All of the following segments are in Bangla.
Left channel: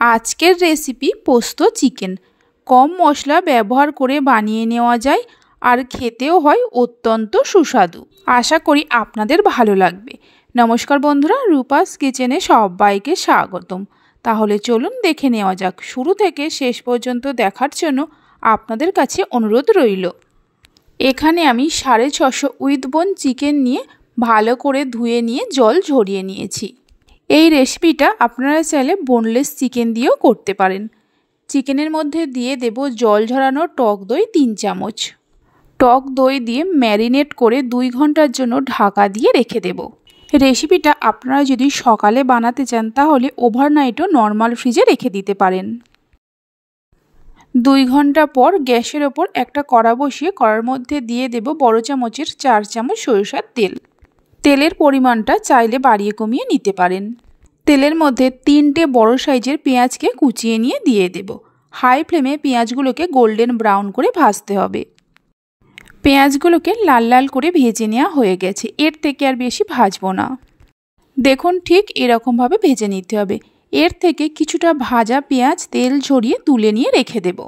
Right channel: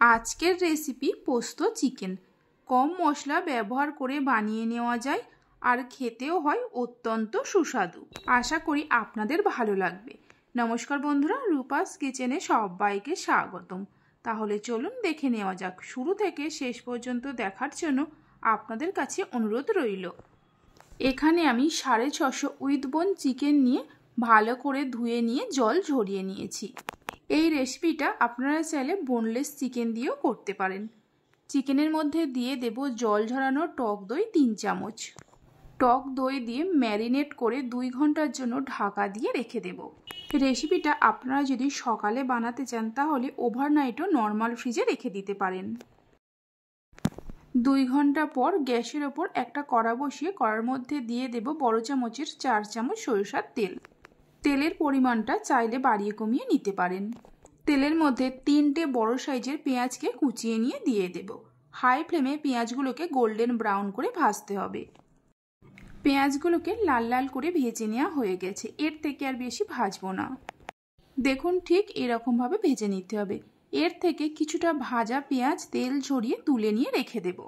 আজকের রেসিপি পোস্ত চিকেন। কম মশলা ব্যবহার করে বানিয়ে নেওয়া যায় আর খেতেও হয় অত্যন্ত সুস্বাদু। আশা করি আপনাদের ভালো লাগবে। নমস্কার বন্ধুরা, রূপাস কিচেনে সবাইকে স্বাগতম। তাহলে চলুন দেখে নেওয়া যাক। শুরু থেকে শেষ পর্যন্ত দেখার জন্য আপনাদের কাছে অনুরোধ রইল। এখানে আমি 650 উইথ বোন চিকেন নিয়ে ভালো করে ধুয়ে নিয়ে জল ঝরিয়ে নিয়েছি। এই রেসিপিটা আপনারা চাইলে বোনলেস চিকেন দিয়েও করতে পারেন। চিকেনের মধ্যে দিয়ে দেব জল ঝরানো টক দই 3 চামচ। টক দই দিয়ে ম্যারিনেট করে 2 ঘন্টার জন্য ঢাকা দিয়ে রেখে দেব। রেসিপিটা আপনারা যদি সকালে বানাতে চান তাহলে ওভারনাইটও নর্মাল ফ্রিজে রেখে দিতে পারেন। 2 ঘন্টা পর গ্যাসের ওপর একটা কড়া বসিয়ে কড়ার মধ্যে দিয়ে দেব বড় চামচের 4 চামচ সরিষার তেল। তেলের পরিমাণটা চাইলে বাড়িয়ে কমিয়ে নিতে পারেন। তেলের মধ্যে 3টে বড় সাইজের পেঁয়াজকে কুচিয়ে নিয়ে দিয়ে দেব। হাই ফ্লেমে পেঁয়াজগুলোকে গোল্ডেন ব্রাউন করে ভাজতে হবে। পেঁয়াজগুলোকে লাল লাল করে ভেজে নেওয়া হয়ে গেছে। এর থেকে আর বেশি ভাজবো না। দেখুন ঠিক এরকমভাবে ভেজে নিতে হবে। এর থেকে কিছুটা ভাজা পেঁয়াজ তেল ঝরিয়ে তুলে নিয়ে রেখে দেব।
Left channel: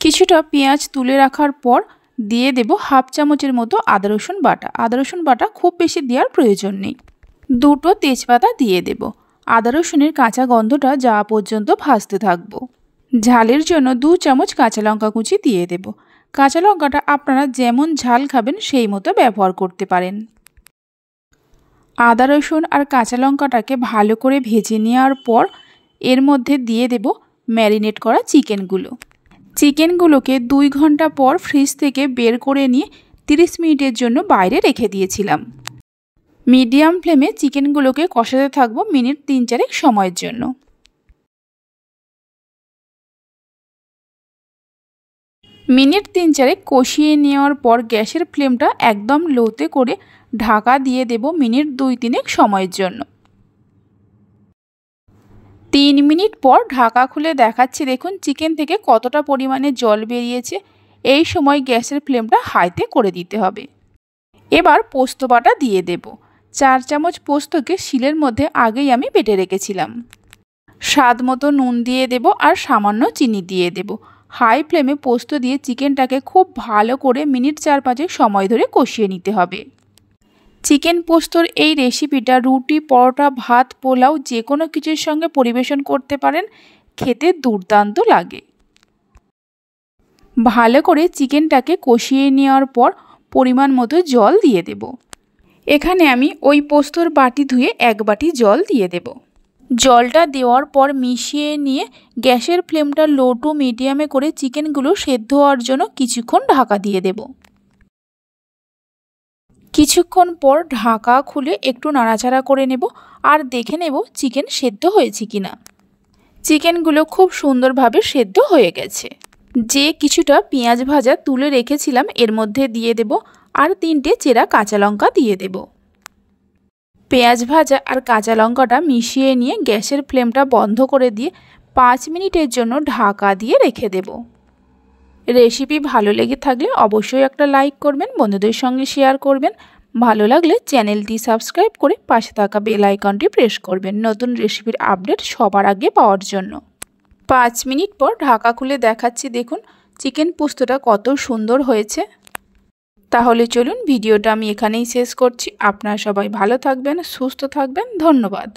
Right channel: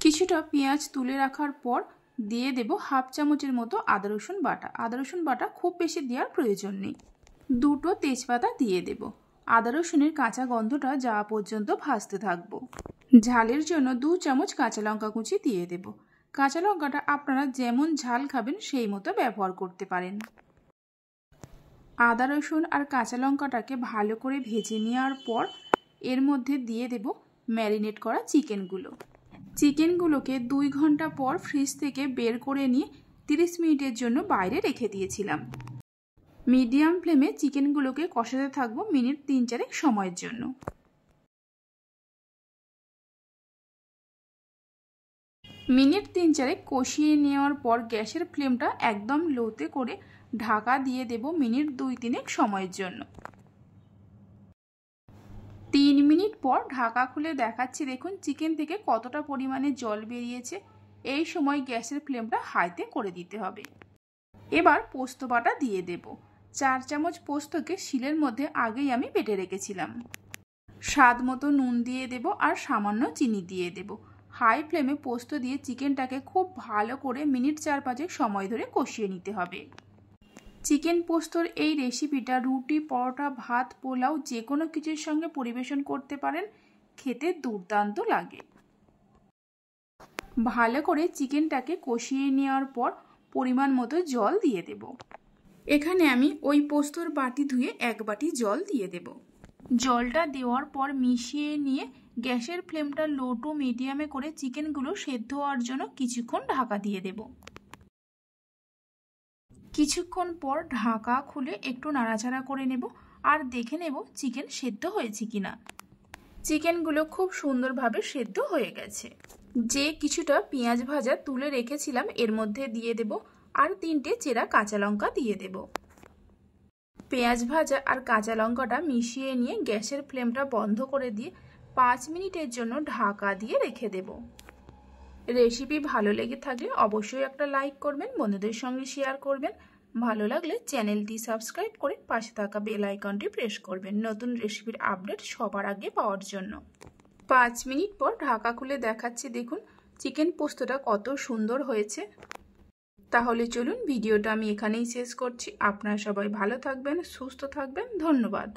কিছুটা পেঁয়াজ তুলে রাখার পর দিয়ে দেব হাফ চামচের মতো আদা রসুন বাটা। আদা রসুন বাটা খুব বেশি দেওয়ার প্রয়োজন নেই। 2টো তেজপাতা দিয়ে দেব। আদা রসুনের কাঁচা গন্ধটা যাওয়া পর্যন্ত ভাজতে থাকব। ঝালের জন্য 2 চামচ কাঁচা লঙ্কা কুচি দিয়ে দেব। কাঁচা লঙ্কাটা আপনারা যেমন ঝাল খাবেন সেই মতো ব্যবহার করতে পারেন। আদা রসুন আর কাঁচা লঙ্কাটাকে ভালো করে ভেজে নেওয়ার পর এর মধ্যে দিয়ে দেব ম্যারিনেট করা চিকেনগুলো। চিকেনগুলোকে 2 ঘন্টা পর ফ্রিজ থেকে বের করে নিয়ে 30 মিনিটের জন্য বাইরে রেখে দিয়েছিলাম। মিডিয়াম ফ্লেমে চিকেনগুলোকে কষাতে থাকবো মিনিট 3-4 সময়ের জন্য। মিনিট 3-4 কষিয়ে নেওয়ার পর গ্যাসের ফ্লেমটা একদম লোতে করে ঢাকা দিয়ে দেব মিনিট 2-3 সময়ের জন্য। 3 মিনিট পর ঢাকা খুলে দেখাচ্ছি, দেখুন চিকেন থেকে কতটা পরিমাণে জল বেরিয়েছে। এই সময় গ্যাসের ফ্লেমটা হাইতে করে দিতে হবে। এবার পোস্ত বাটা দিয়ে দেব। 4 চামচ পোস্তকে শিলের মধ্যে আগেই আমি বেটে রেখেছিলাম। স্বাদ মতো নুন দিয়ে দেব আর সামান্য চিনি দিয়ে দেব। হাই ফ্লেমে পোস্ত দিয়ে চিকেনটাকে খুব ভালো করে মিনিট 4-5 সময় ধরে কষিয়ে নিতে হবে। চিকেন পোস্তর এই রেসিপিটা রুটি, পরোটা, ভাত, পোলাও যে কোনো কিছুর সঙ্গে পরিবেশন করতে পারেন। খেতে দুর্দান্ত লাগে। ভালো করে চিকেনটাকে কষিয়ে নেওয়ার পর পরিমাণ মতো জল দিয়ে দেব। এখানে আমি ওই পোস্তর বাটি ধুয়ে 1 বাটি জল দিয়ে দেব। জলটা দেওয়ার পর মিশিয়ে নিয়ে গ্যাসের ফ্লেমটা লো টু মিডিয়ামে করে চিকেনগুলো সেদ্ধ হওয়ার জন্য কিছুক্ষণ ঢাকা দিয়ে দেব। কিছুক্ষণ পর ঢাকা খুলে একটু নাড়াচাড়া করে নেব আর দেখে নেব চিকেন সেদ্ধ হয়েছে কিনা। চিকেনগুলো খুব সুন্দরভাবে সেদ্ধ হয়ে গেছে। যে কিছুটা পেঁয়াজ ভাজা তুলে রেখেছিলাম এর মধ্যে দিয়ে দেব আর 3টে চেরা কাঁচা লঙ্কা দিয়ে দেব। পেঁয়াজ ভাজা আর কাঁচা লঙ্কাটা মিশিয়ে নিয়ে গ্যাসের ফ্লেমটা বন্ধ করে দিয়ে 5 মিনিটের জন্য ঢাকা দিয়ে রেখে দেব। রেসিপি ভালো লেগে থাকলে অবশ্যই একটা লাইক করবেন, বন্ধুদের সঙ্গে শেয়ার করবেন। ভালো লাগলে চ্যানেলটি সাবস্ক্রাইব করে পাশে থাকা বেল আইকনটি প্রেস করবেন নতুন রেসিপির আপডেট সবার আগে পাওয়ার জন্য। 5 মিনিট পর ঢাকা খুলে দেখাচ্ছি, দেখুন চিকেন পোস্তটা কত সুন্দর হয়েছে। তাহলে চলুন ভিডিওটা আমি এখানেই শেষ করছি। আপনারা সবাই ভালো থাকবেন, সুস্থ থাকবেন। ধন্যবাদ।